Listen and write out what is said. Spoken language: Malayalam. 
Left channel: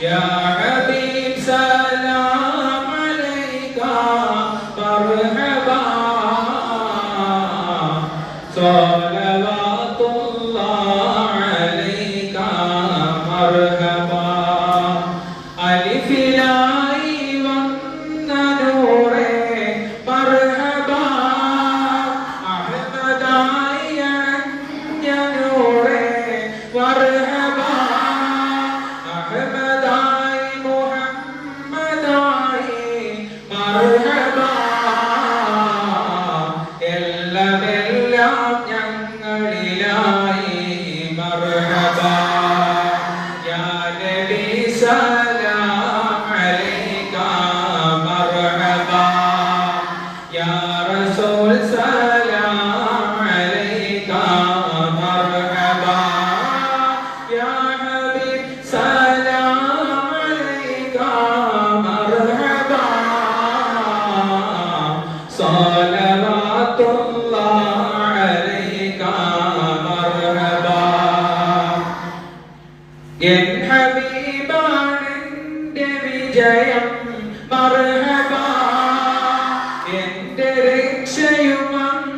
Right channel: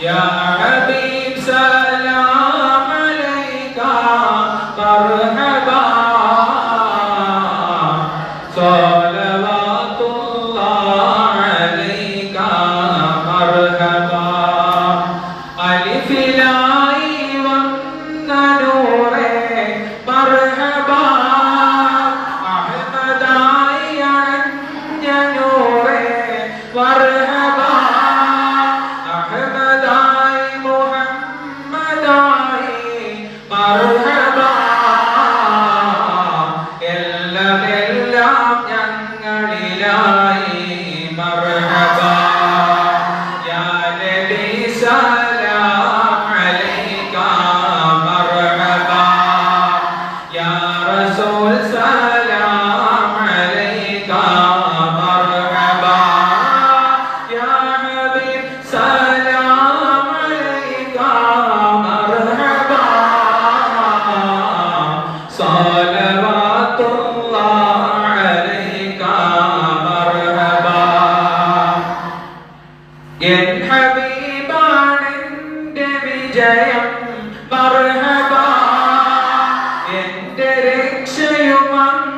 يا حبيب سلام عليك مرحبا صلوات الله عليك مرحبا ألف لاء والنور مرحبا أحمد عن نور مرحبا أحمد محمد مرحبا എല്ലാം എല്ലാം ഞങ്ങളിലായി مرحبا يا نبي سلام عليك مرحبا يا رسول سلام عليك مرحبا يا حبيب سلام عليك مرحبا صلوات الله عليك مرحبا എൻ ഹബീബാണെന്റെ വിജയം മർഹബാ എന്റെ രക്ഷയുമാണ്